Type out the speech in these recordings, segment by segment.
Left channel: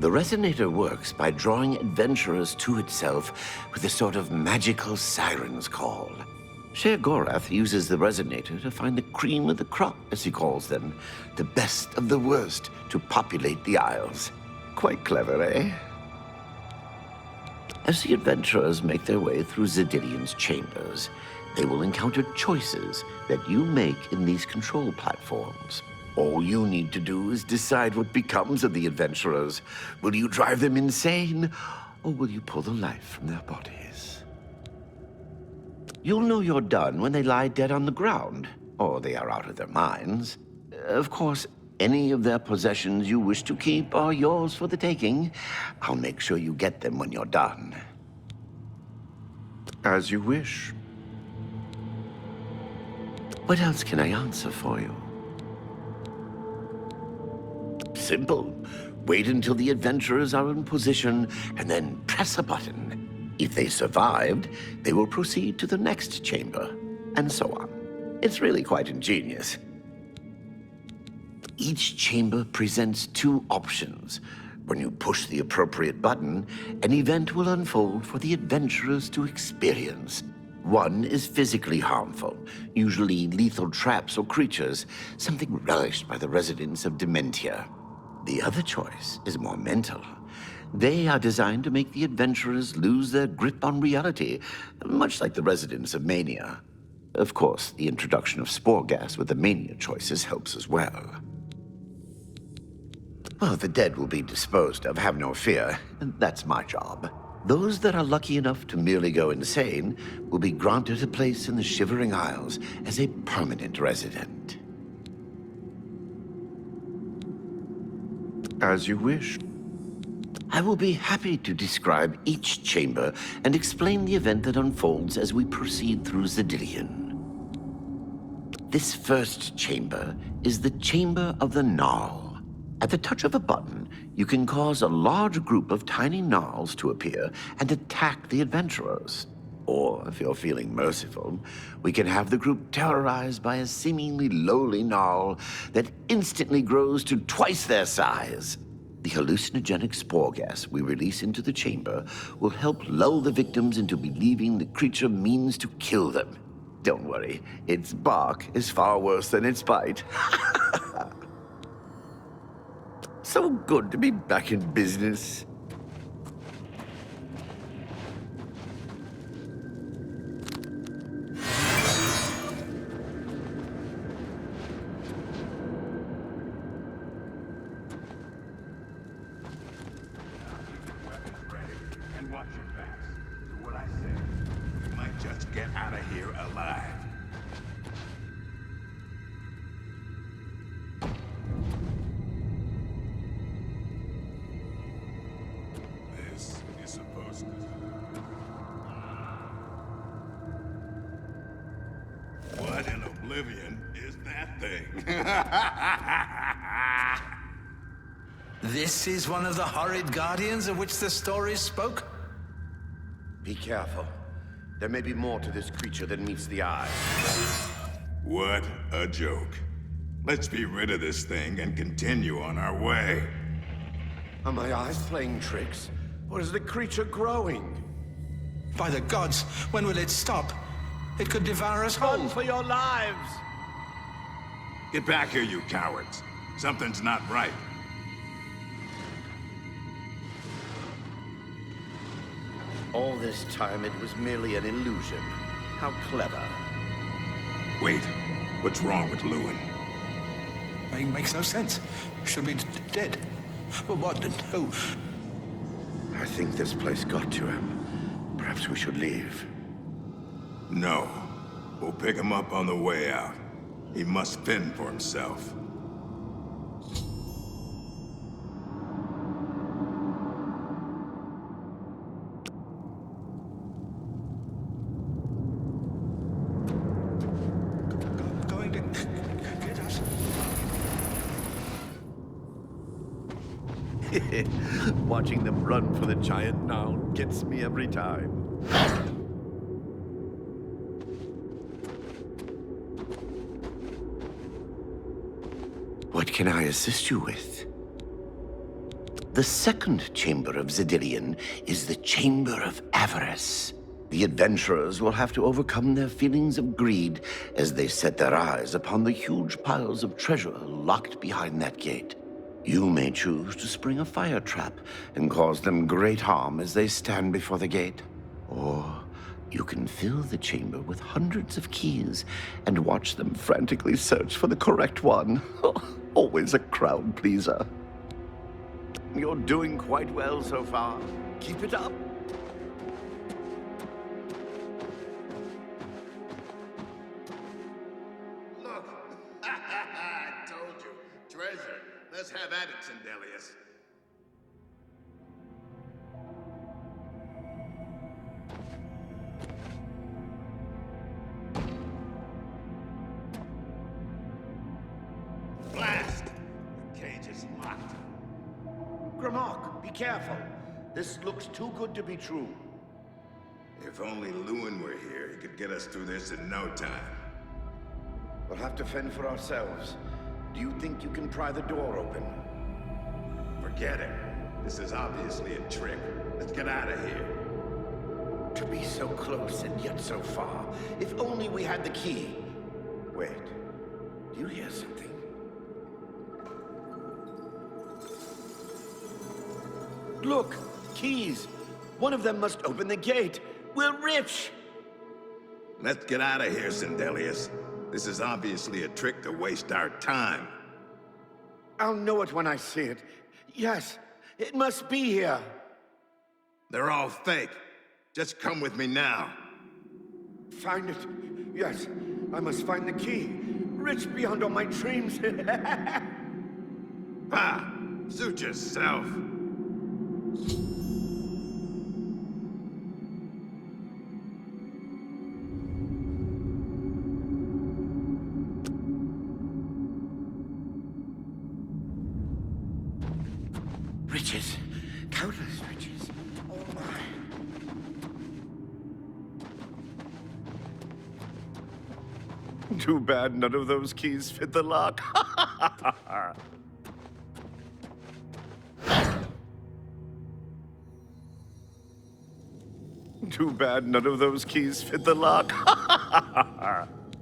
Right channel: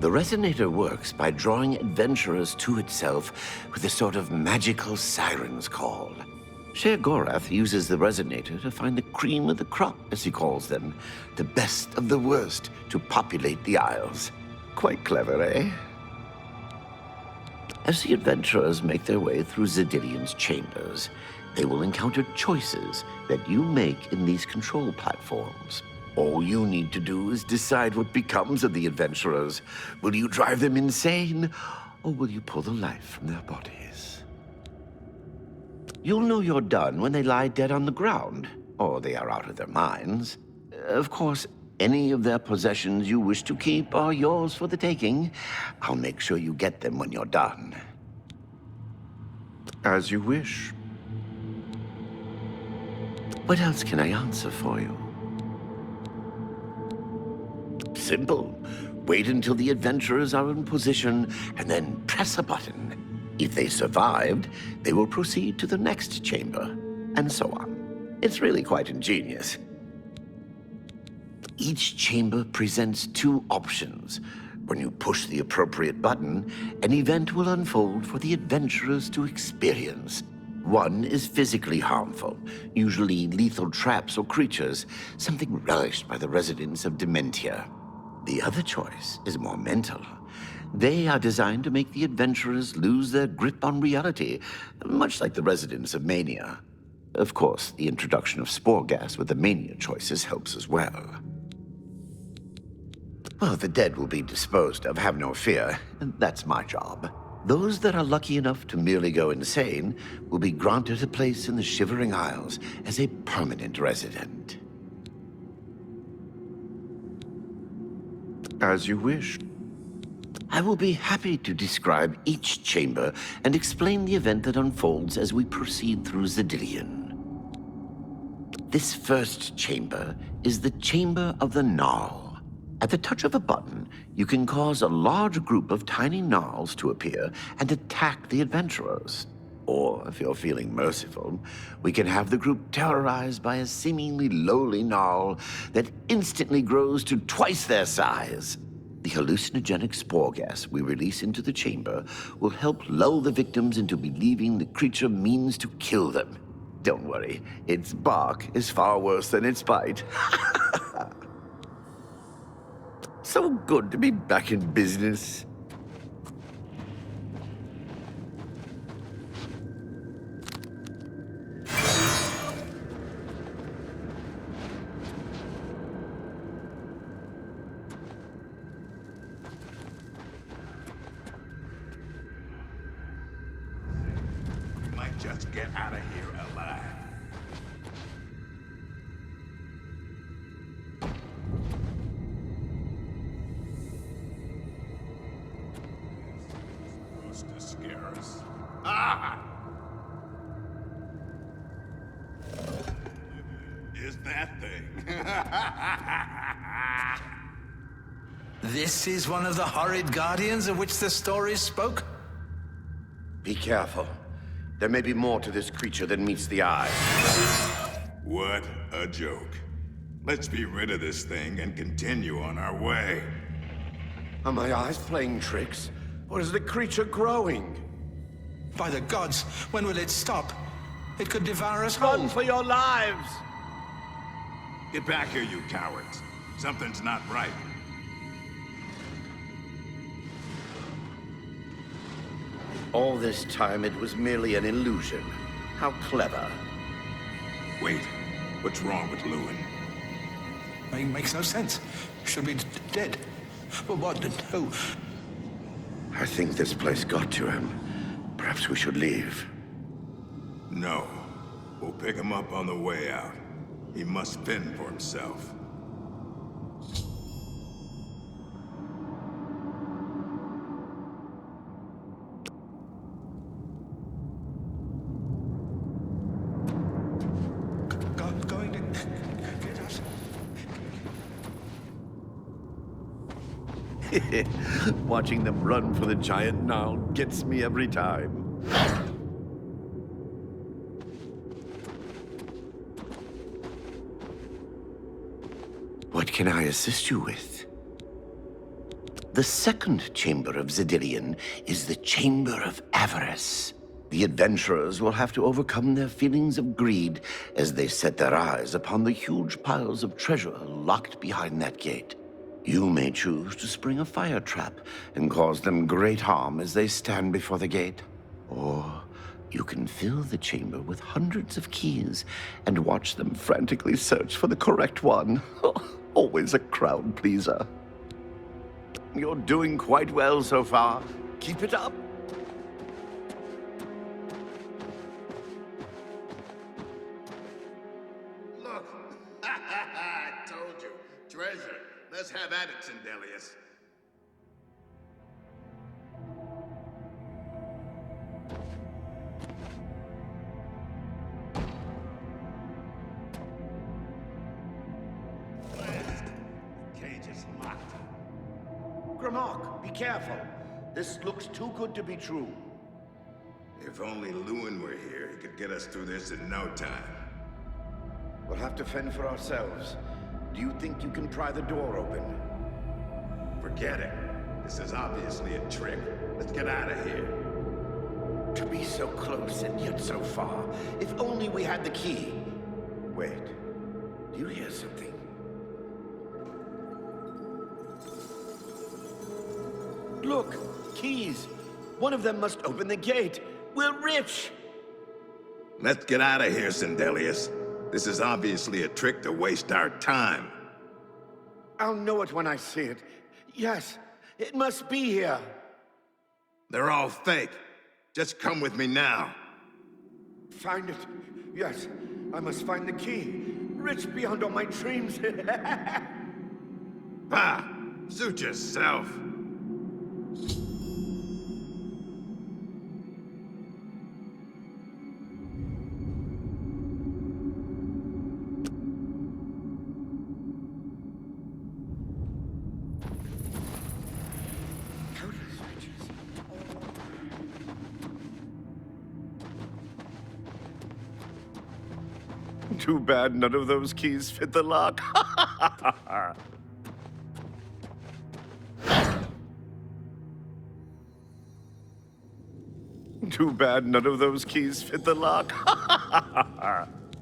The resonator works by drawing adventurers to itself with a sort of magical siren's call. Sheogorath uses the resonator to find the cream of the crop, as he calls them, the best of the worst to populate the Isles. Quite clever, eh? As the adventurers make their way through Zedilian's chambers, they will encounter choices that you make in these control platforms. All you need to do is decide what becomes of the adventurers. Will you drive them insane, or will you pull the life from their bodies? You'll know you're done when they lie dead on the ground, or they are out of their minds. Of course, any of their possessions you wish to keep are yours for the taking. I'll make sure you get them when you're done. As you wish. What else can I answer for you? Simple. Wait until the adventurers are in position, and then press a button. If they survived, they will proceed to the next chamber, and so on. It's really quite ingenious. Each chamber presents two options. When you push the appropriate button, an event will unfold for the adventurers to experience. One is physically harmful, usually lethal traps or creatures, something relished by the residents of Dementia. The other choice is more mental. They are designed to make the adventurers lose their grip on reality, much like the residents of Mania. Of course, the introduction of spore gas with the Mania choices helps as well. Well, the dead will be disposed of, have no fear. That's my job. Those that are lucky enough to merely go insane will be granted a place in the Shivering Isles as a permanent resident. As you wish. I will be happy to describe each chamber and explain the event that unfolds as we proceed through Zedilian. This first chamber is the Chamber of the Gnarl. At the touch of a button, you can cause a large group of tiny gnarls to appear and attack the adventurers. Or, if you're feeling merciful, we can have the group terrorized by a seemingly lowly gnarl that instantly grows to twice their size. The hallucinogenic spore gas we release into the chamber will help lull the victims into believing the creature means to kill them. Don't worry, its bark is far worse than its bite. So good to be back in business. Just get out of here alive. This is supposed to scare us. Ah! What in Oblivion is that thing? This is one of the horrid guardians of which the stories spoke? Be careful. There may be more to this creature than meets the eye. What a joke. Let's be rid of this thing and continue on our way. Are my eyes playing tricks? Or is the creature growing? By the gods, when will it stop? It could devour us whole. Run for your lives! Get back here, you cowards. Something's not right. All this time it was merely an illusion. How clever. Wait, what's wrong with Lewin? Makes no sense. Should be dead. But what? Who? I think this place got to him. Perhaps we should leave. No. We'll pick him up on the way out. He must fend for himself. Going to get us? Watching them run for the giant gnarl gets me every time. What can I assist you with? The second chamber of Zedilian is the Chamber of Avarice. The adventurers will have to overcome their feelings of greed as they set their eyes upon the huge piles of treasure locked behind that gate. You may choose to spring a fire trap and cause them great harm as they stand before the gate. Or you can fill the chamber with hundreds of keys and watch them frantically search for the correct one. Always a crowd pleaser. You're doing quite well so far. Keep it up. Look! I told you. Treasure. Let's have at it, Sindelius. Blast! The cage is locked. Grimmark, be careful. This looks too good to be true. If only Lewin were here, he could get us through this in no time. We'll have to fend for ourselves. Do you think you can pry the door open? Forget it. This is obviously a trick. Let's get out of here. To be so close and yet so far. If only we had the key. Wait. Do you hear something? Look! Keys! One of them must open the gate. We're rich! Let's get out of here, Sindelius. This is obviously a trick to waste our time. I'll know it when I see it. Yes, it must be here. They're all fake. Just come with me now. Find it. Yes, I must find the key. Rich beyond all my dreams. Ha! Suit yourself. Riches. Countless riches. Oh my. Too bad none of those keys fit the lock. Too bad none of those keys fit the lock.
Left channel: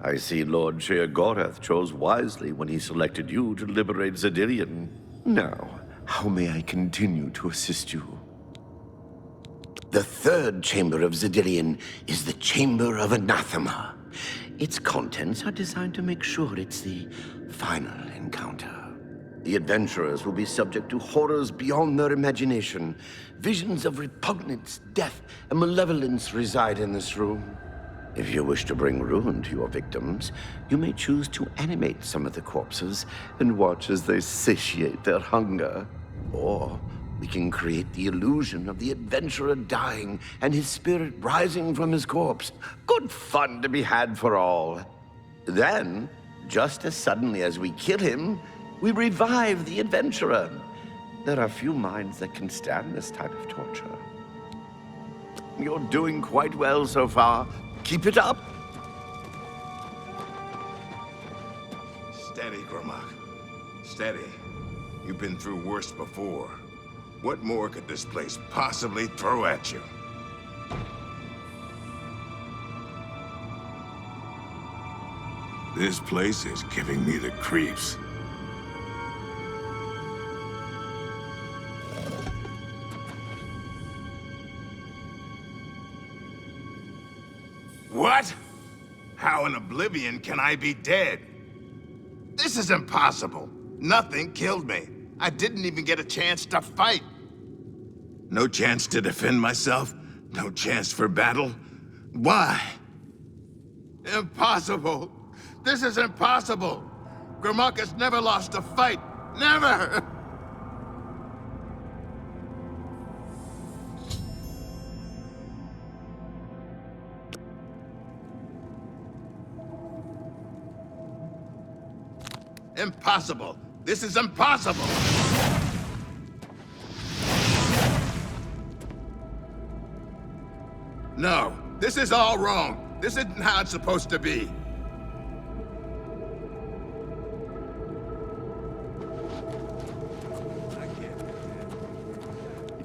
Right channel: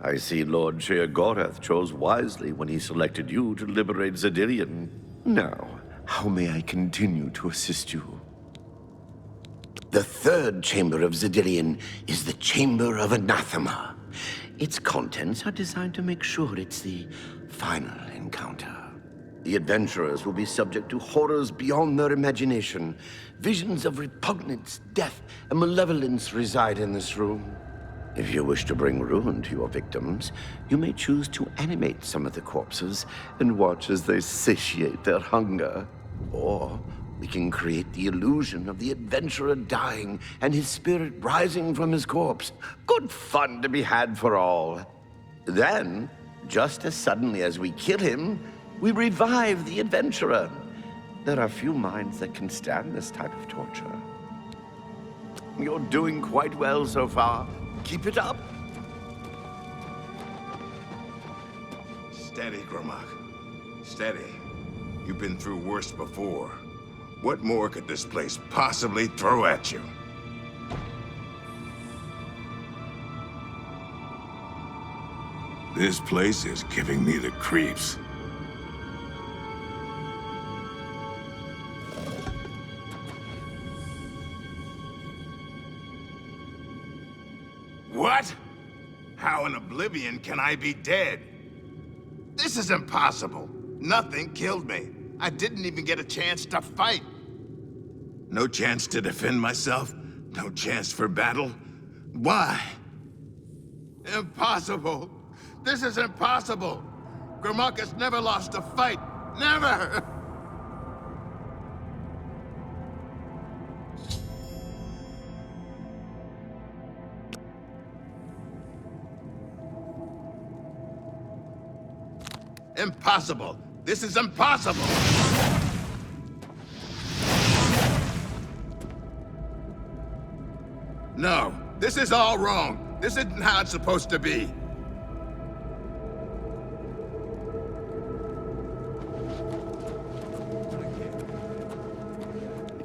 I see Lord Sheer Gorath chose wisely when he selected you to liberate Zedilian. Now, how may I continue to assist you? The third chamber of Zedilian is the Chamber of Anathema. Its contents are designed to make sure it's the final encounter. The adventurers will be subject to horrors beyond their imagination. Visions of repugnance, death, and malevolence reside in this room. If you wish to bring ruin to your victims, you may choose to animate some of the corpses and watch as they satiate their hunger. Or we can create the illusion of the adventurer dying and his spirit rising from his corpse. Good fun to be had for all. Then, just as suddenly as we kill him, we revive the adventurer. There are few minds that can stand this type of torture. You're doing quite well so far. Keep it up. Steady, Grimmark. Steady. You've been through worse before. What more could this place possibly throw at you? This place is giving me the creeps. What? How in Oblivion can I be dead? This is impossible. Nothing killed me. I didn't even get a chance to fight. No chance to defend myself? No chance for battle? Why? Impossible. This is impossible. Grimmark has never lost a fight. Never! Impossible. This is impossible. No, this is all wrong. This isn't how it's supposed to be.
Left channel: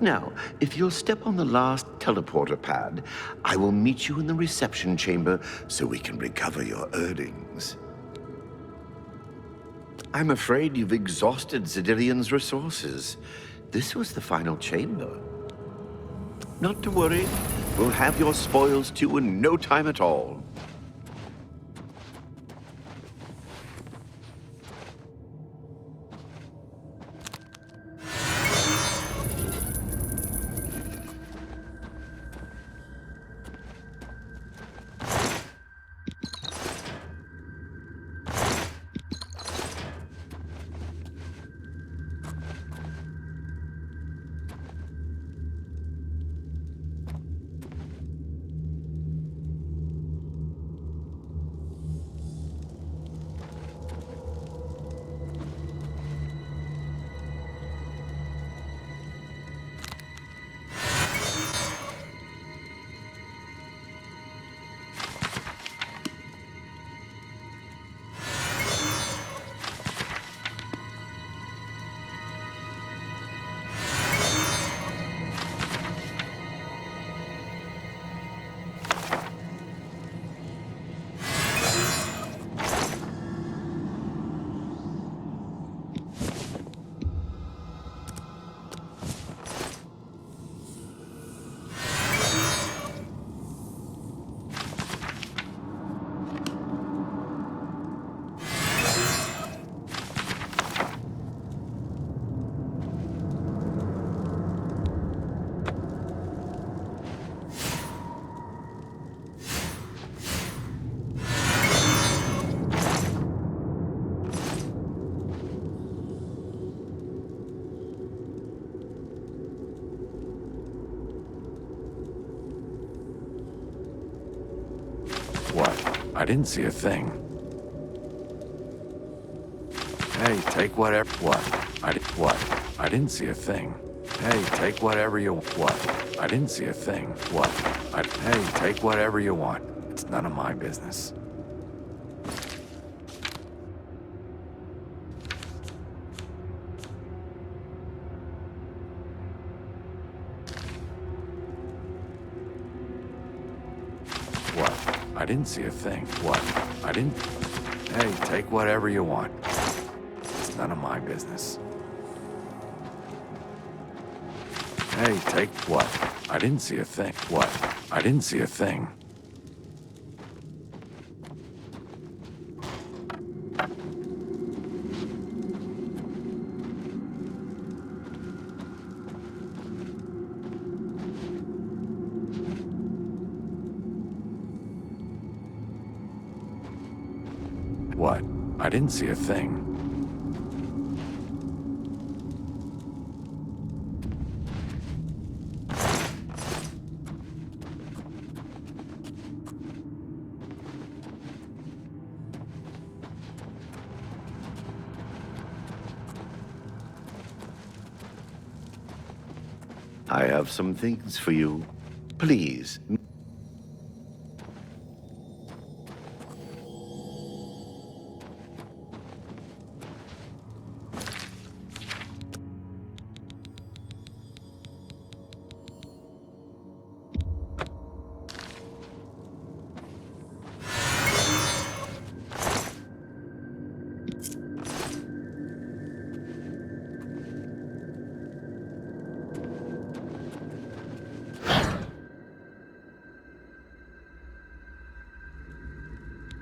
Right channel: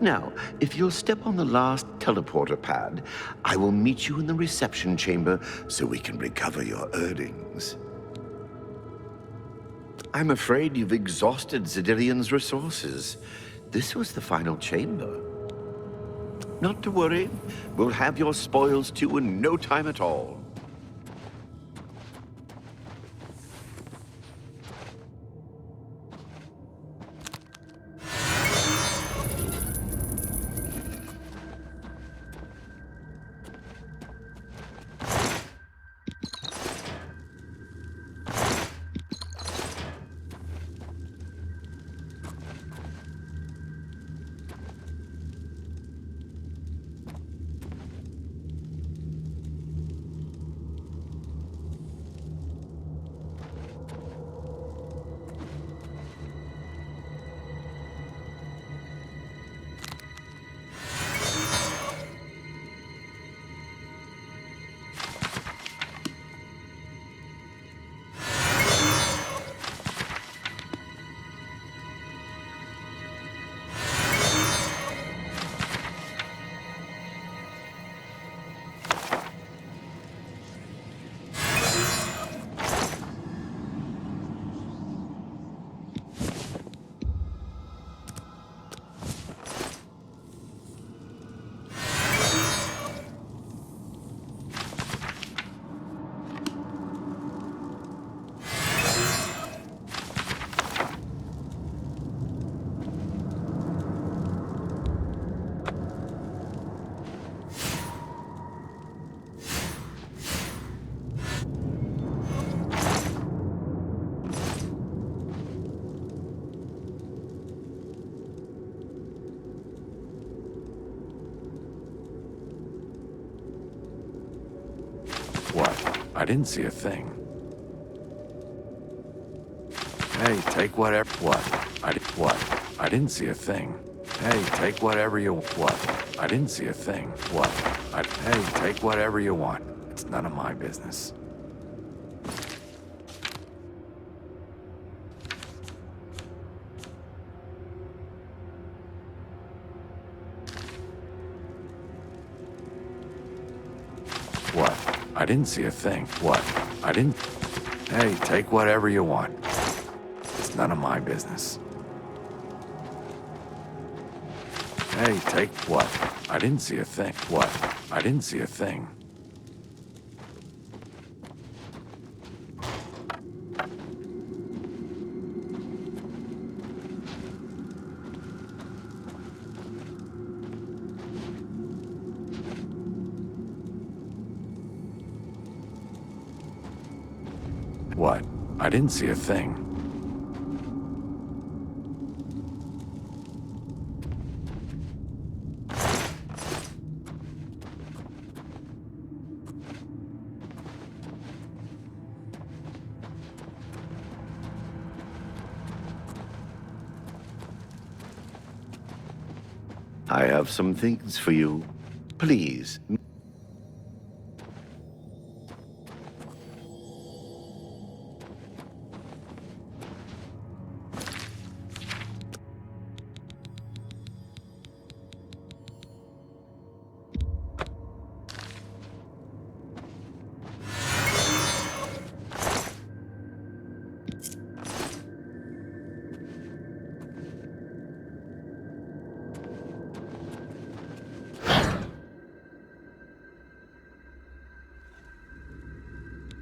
Now, if you'll step on the last teleporter pad, I will meet you in the reception chamber so we can recover your earnings. I'm afraid you've exhausted Zedilian's resources. This was the final chamber. Not to worry, we'll have your spoils too in no time at all. What? I didn't see a thing. Hey, take whatever. What? What? I didn't see a thing. Hey, take whatever you. What? I didn't see a thing. What? Hey, take whatever you want. It's none of my business. What? I didn't see a thing. What? I didn't. Hey, take whatever you want. It's none of my business. Hey, take what? I didn't see a thing. What? I didn't see a thing. What? I didn't see a thing. I have some things for you. Please.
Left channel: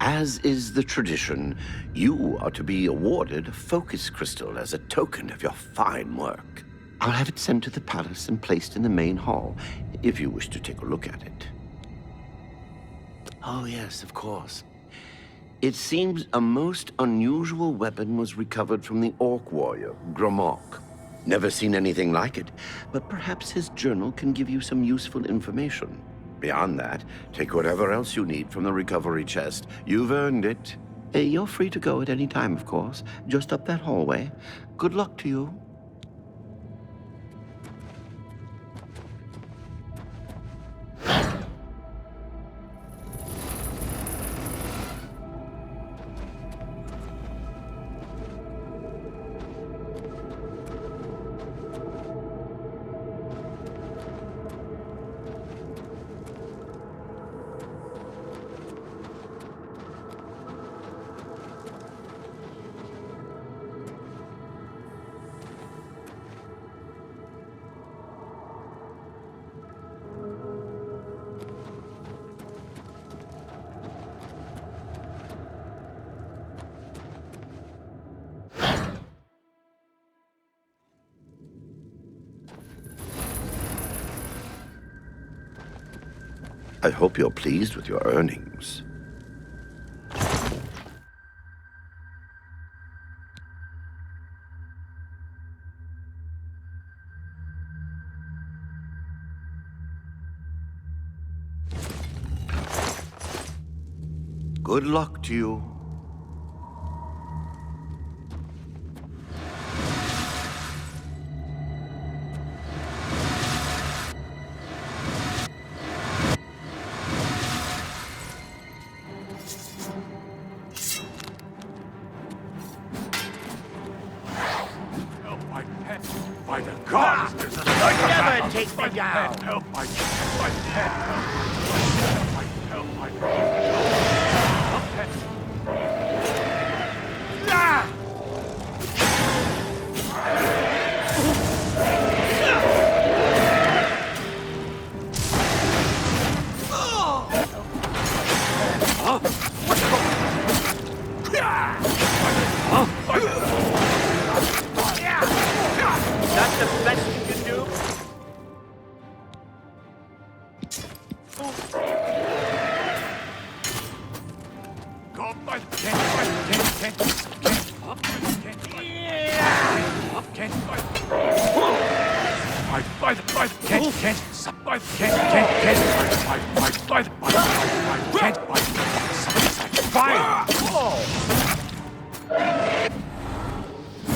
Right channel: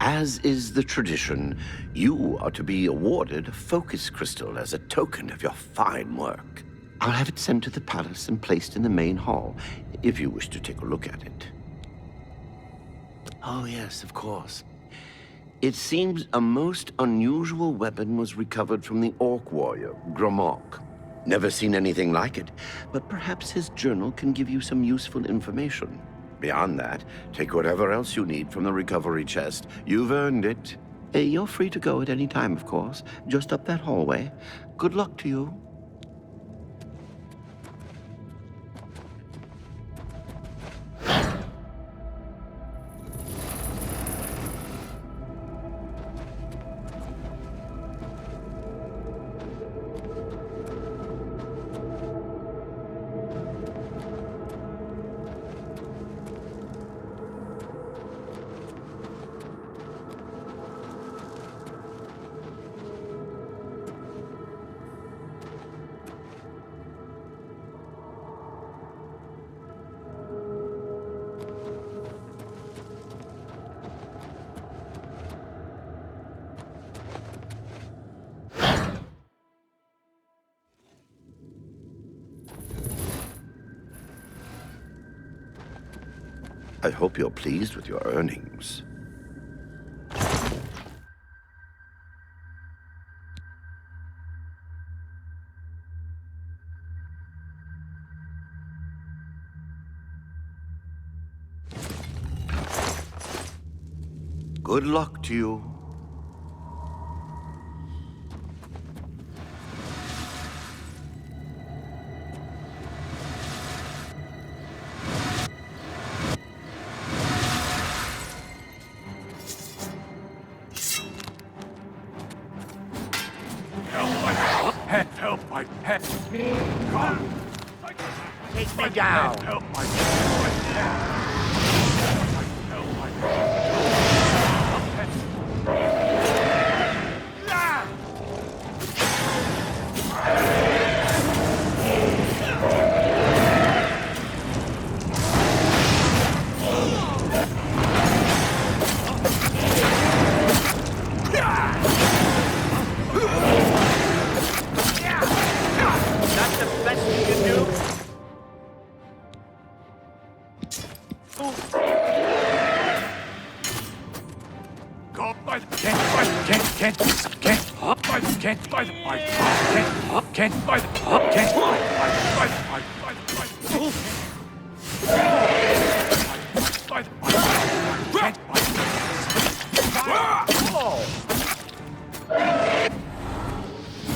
As is the tradition, you are to be awarded a focus crystal as a token of your fine work. I'll have it sent to the palace and placed in the main hall, if you wish to take a look at it. Oh yes, of course. It seems a most unusual weapon was recovered from the orc warrior, Gromok. Never seen anything like it, but perhaps his journal can give you some useful information. Beyond that, take whatever else you need from the recovery chest. You've earned it. You're free to go at any time, of course. Just up that hallway. Good luck to you. I hope you're pleased with your earnings. Good luck to you. Help my head. My God. Never take me down. Help my head. Help my That's the best you can do. God, my can't fight.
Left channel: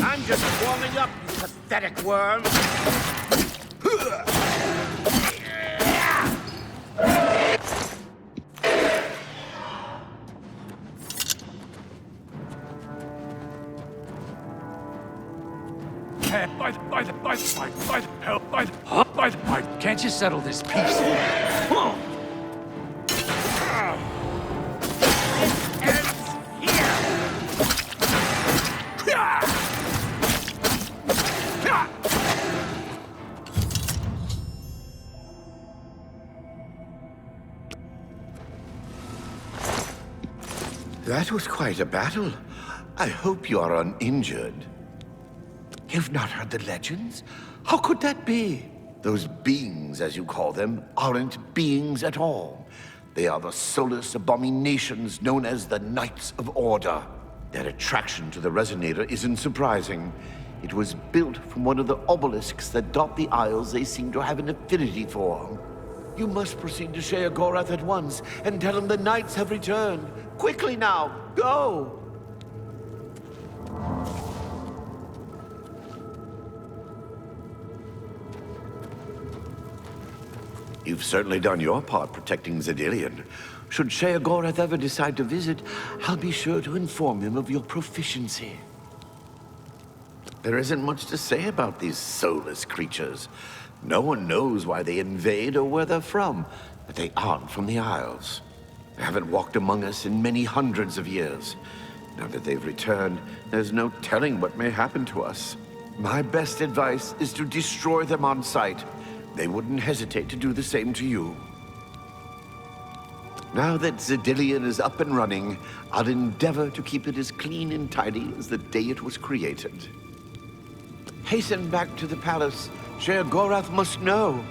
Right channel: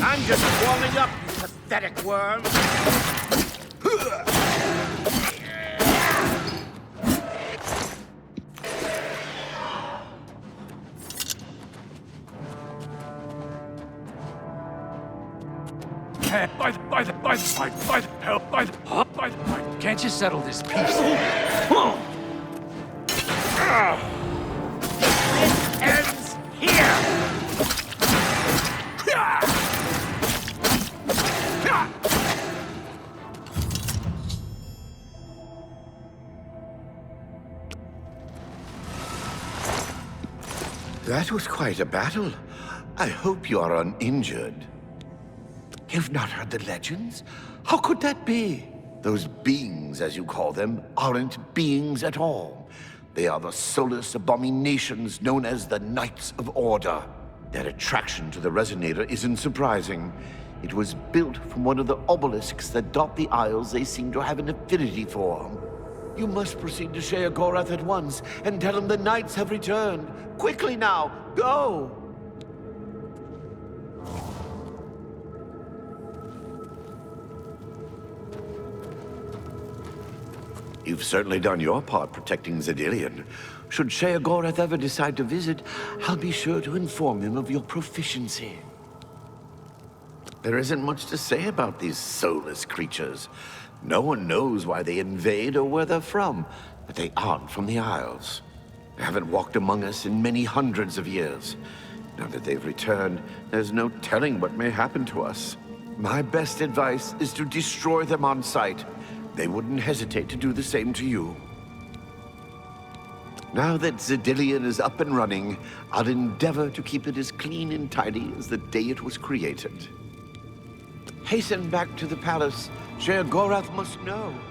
I'm just warming up, you pathetic worm. Can't you settle this peace? Ends here. That was quite a battle. I hope you are uninjured. You've not heard the legends? How could that be? Those beings, as you call them, aren't beings at all. They are the soulless abominations known as the Knights of Order. Their attraction to the Resonator isn't surprising. It was built from one of the obelisks that dot the isles they seem to have an affinity for. You must proceed to Sheogorath at once and tell him the Knights have returned. Quickly now, go! You've certainly done your part protecting Zedilian. Should Sheogorath ever decide to visit, I'll be sure to inform him of your proficiency. There isn't much to say about these soulless creatures. No one knows why they invade or where they're from, but they aren't from the Isles. They haven't walked among us in many hundreds of years. Now that they've returned, there's no telling what may happen to us. My best advice is to destroy them on sight. They wouldn't hesitate to do the same to you. Now that Zedilian is up and running, I'll endeavor to keep it as clean and tidy as the day it was created. Hasten back to the palace. Sheogorath must know.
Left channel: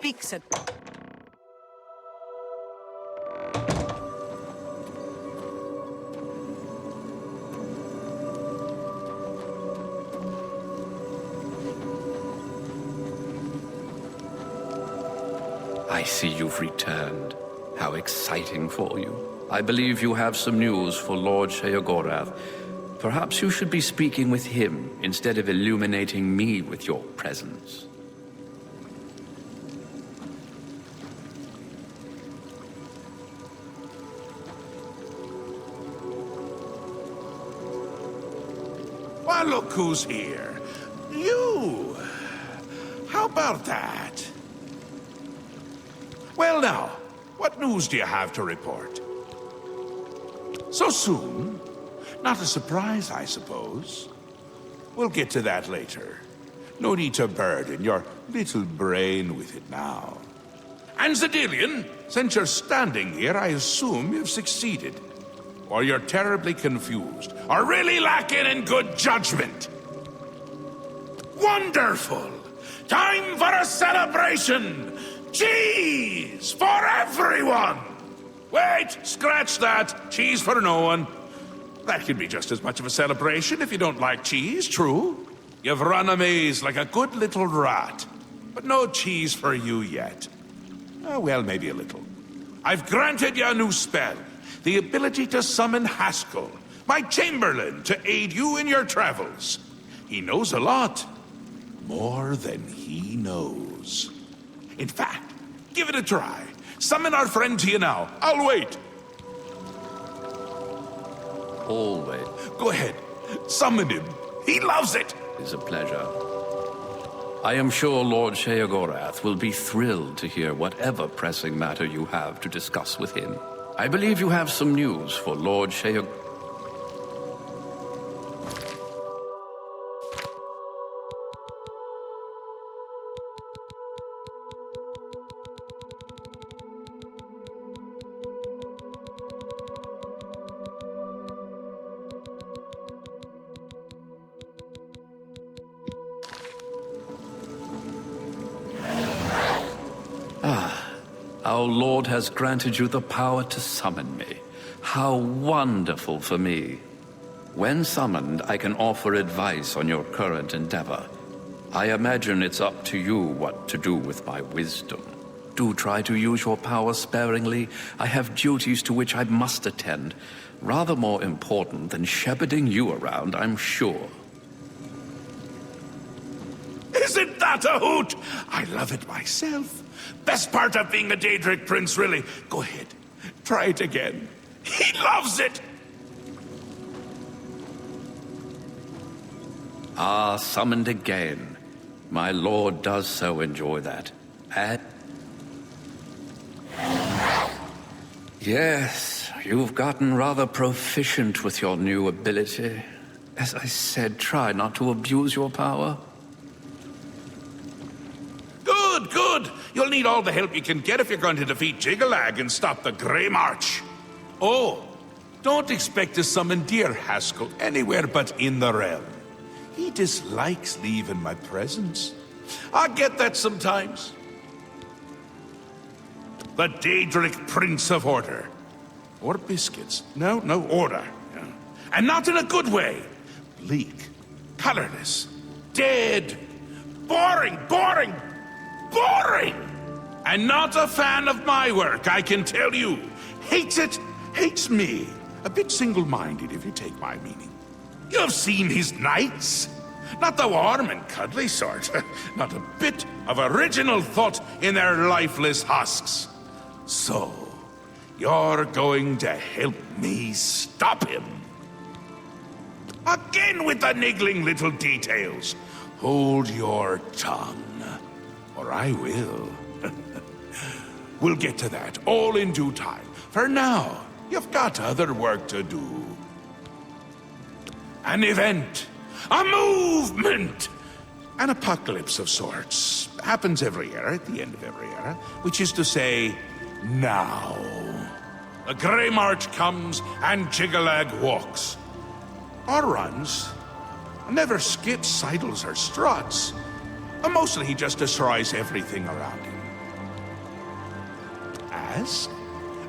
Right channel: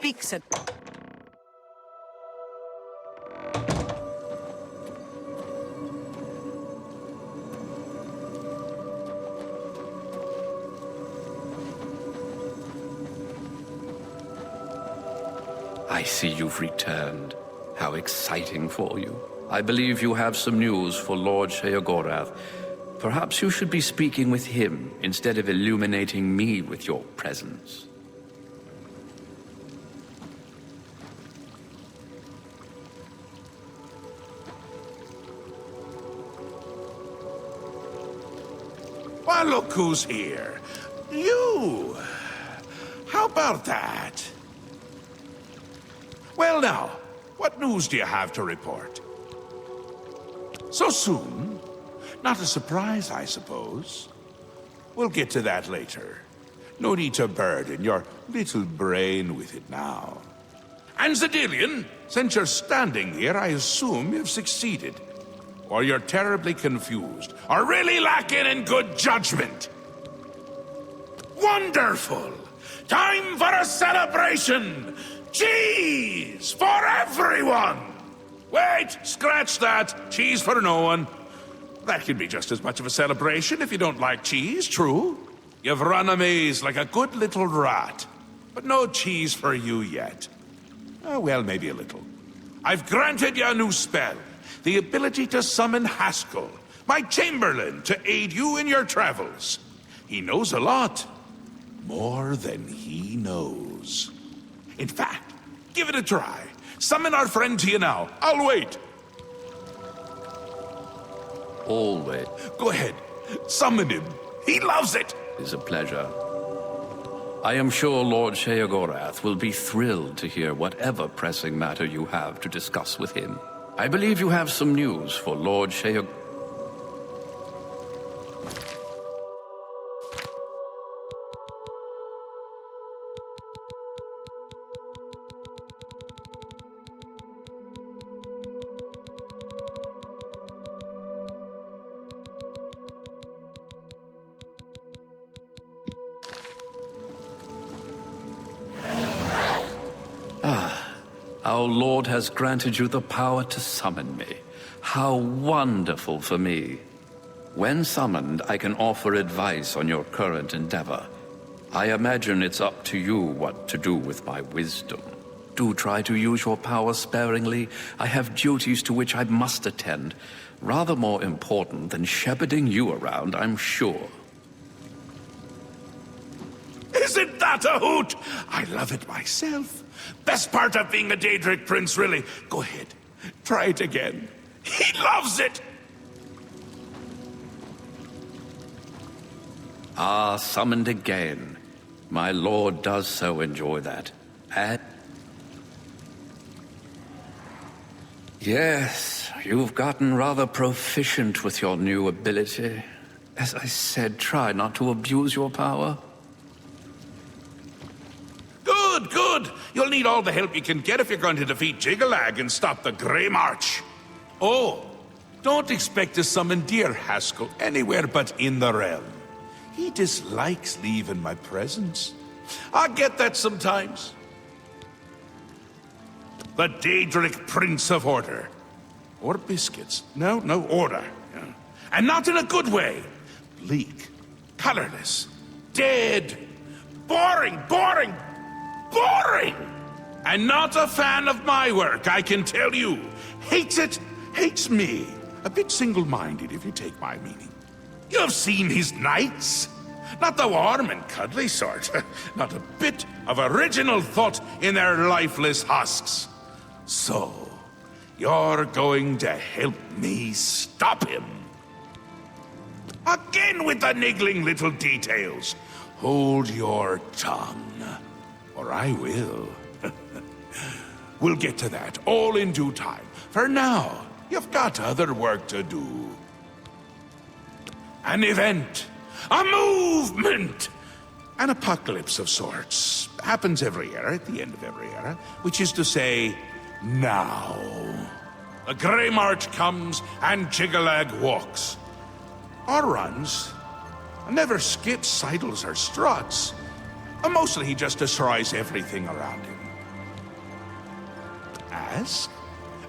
speaks it. I see you've returned. How exciting for you. I believe you have some news for Lord Sheogorath. Perhaps you should be speaking with him instead of illuminating me with your presence. Well, look who's here. You! How about that? Well now, what news do you have to report? So soon? Not a surprise, I suppose. We'll get to that later. No need to burden your little brain with it now. And Zedilian, since you're standing here, I assume you've succeeded. Or you're terribly confused, or really lacking in good judgment. Wonderful! Time for a celebration! Cheese for everyone! Wait, scratch that. Cheese for no one. That can be just as much of a celebration if you don't like cheese, true? You've run a maze like a good little rat. But no cheese for you yet. Oh, well, maybe a little. I've granted you a new spell. The ability to summon Haskell, my Chamberlain, to aid you in your travels. He knows a lot. More than he knows. In fact, give it a try. Summon our friend to you now. I'll wait. Always. Go ahead. Summon him. He loves it. Is a pleasure. I am sure Lord Sheogorath will be thrilled to hear whatever pressing matter you have to discuss with him. I believe you have some news for Lord Sheogorath. Our Lord has granted you the power to summon me. How wonderful for me. When summoned, I can offer advice on your current endeavor. I imagine it's up to you what to do with my wisdom. Do try to use your power sparingly. I have duties to which I must attend. Rather more important than shepherding you around, I'm sure. Isn't that a hoot? I love it myself. Best part of being a Daedric prince, really. Go ahead. Try it again. He loves it! Ah, summoned again. My lord does so enjoy that. And... yes, you've gotten rather proficient with your new ability. As I said, try not to abuse your power. Good, good. You'll need all the help you can get if you're going to defeat Jiggalag and stop the Grey March. Oh, don't expect to summon dear Haskell anywhere but in the realm. He dislikes leaving my presence. I get that sometimes. The Daedric Prince of Order. Or biscuits. No, order. Yeah. And not in a good way. Bleak, colorless, dead, boring! And not a fan of my work, I can tell you. Hates it, hates me. A bit single-minded, if you take my meaning. You've seen his knights. Not the warm and cuddly sort. Not a bit of original thought in their lifeless husks. So, you're going to help me stop him. Again with the niggling little details. Hold your tongue. Or I will. We'll get to that, all in due time. For now, you've got other work to do. An event. A movement. An apocalypse of sorts. Happens every era, at the end of every era. Which is to say, now. The Grey March comes and Jiggalag walks. Or runs. Never skips, sidles, or struts. Mostly he just destroys everything around him. Ask?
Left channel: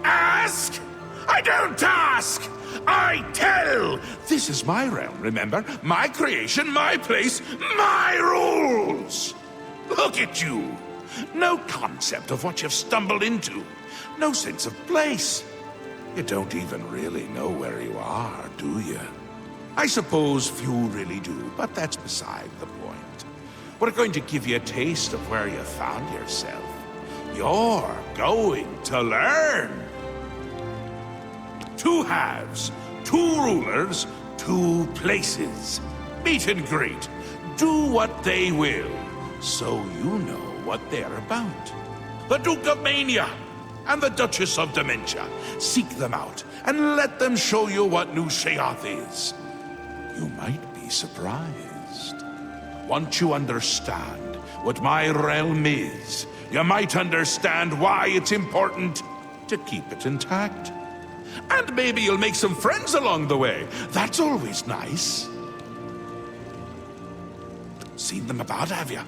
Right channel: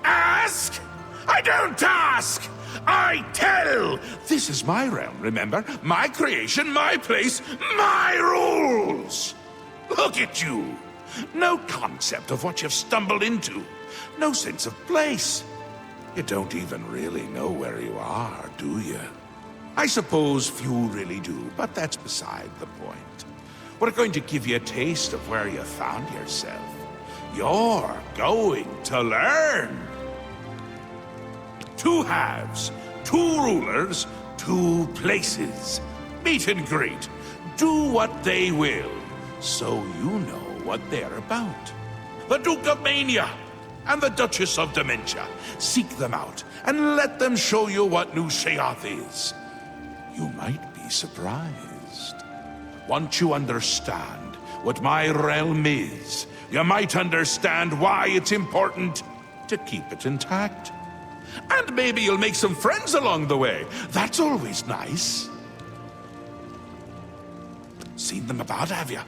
Ask? I don't ask! I tell! This is my realm, remember? My creation, my place, my rules! Look at you! No concept of what you've stumbled into. No sense of place. You don't even really know where you are, do you? I suppose few really do, but that's beside the point. We're going to give you a taste of where you found yourself. You're going to learn. 2 halves, 2 rulers, 2 places. Meet and greet. Do what they will, so you know what they're about. The Duke of Mania and the Duchess of Dementia. Seek them out and let them show you what New Sheoth is. You might be surprised. Once you understand what my realm is, you might understand why it's important to keep it intact. And maybe you'll make some friends along the way. That's always nice. Seen them about, have you?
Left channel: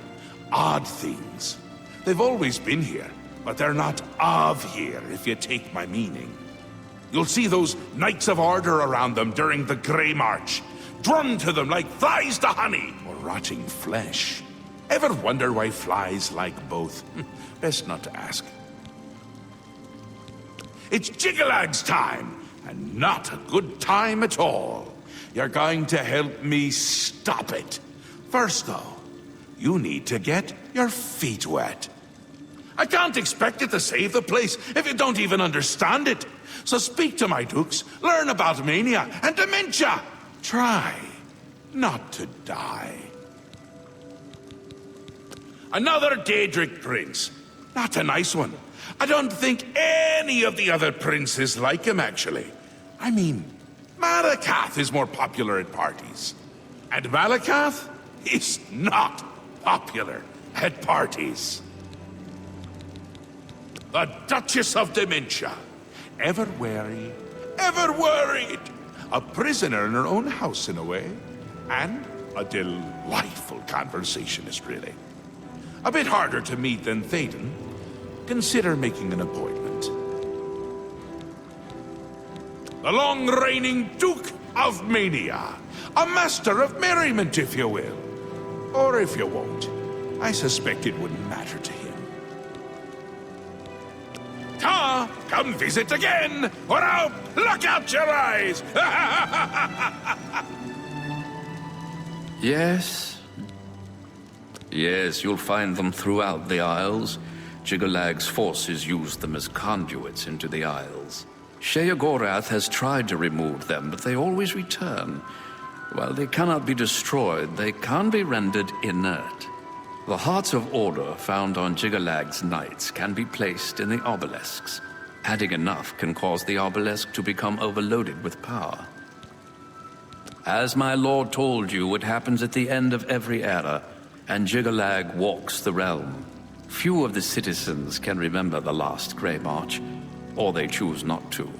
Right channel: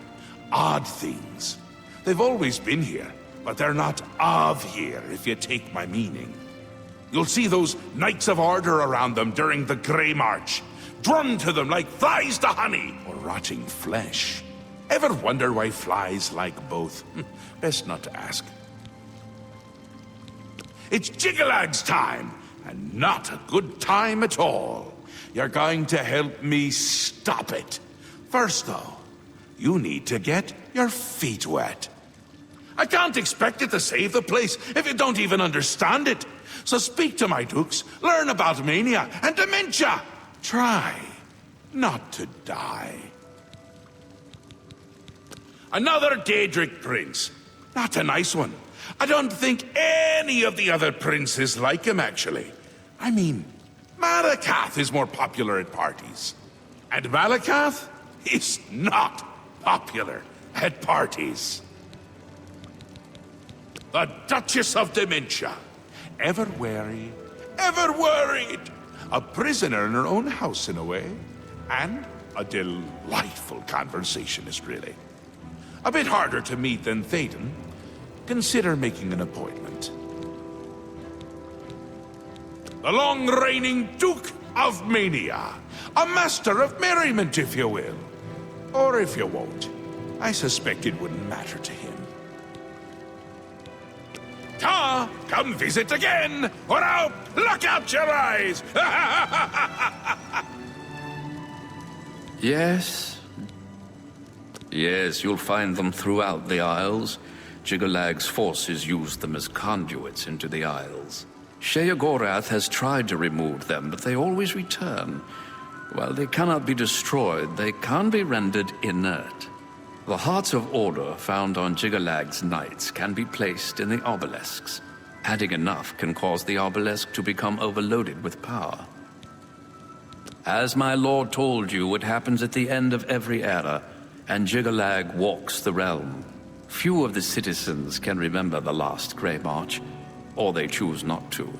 Odd things. They've always been here, but they're not of here, if you take my meaning. You'll see those Knights of Order around them during the Grey March, drawn to them like flies to honey, or rotting flesh. Ever wonder why flies like both? Best not to ask. It's Jiggalag's time, and not a good time at all. You're going to help me stop it. First, though, you need to get your feet wet. I can't expect you to save the place if you don't even understand it. So speak to my dukes, learn about mania and dementia. Try not to die. Another Daedric prince. Not a nice one. I don't think any of the other princes like him, actually. I mean, Malakath is more popular at parties. And Malakath is not popular at parties. The Duchess of Dementia. Ever wary, ever worried. A prisoner in her own house, in a way. And a delightful conversationist, really. A bit harder to meet than Théoden. Consider making an appointment. The long-reigning Duke of Mania. A master of merriment, if you will. Or if you won't. I suspect it wouldn't matter to him. Ta! Come visit again, or I'll pluck out your eyes! Yes? Yes, you'll find them throughout the Isles. Jiggalag's forces used them as conduits into the Isles. Sheogorath has tried to remove them, but they always return. While they cannot be destroyed, they can be rendered inert. The Hearts of Order found on Jiggalag's knights can be placed in the obelisks. Adding enough can cause the obelisk to become overloaded with power. As my lord told you, it happens at the end of every era, and Jiggalag walks the realm. Few of the citizens can remember the last Grey March, or they choose not to.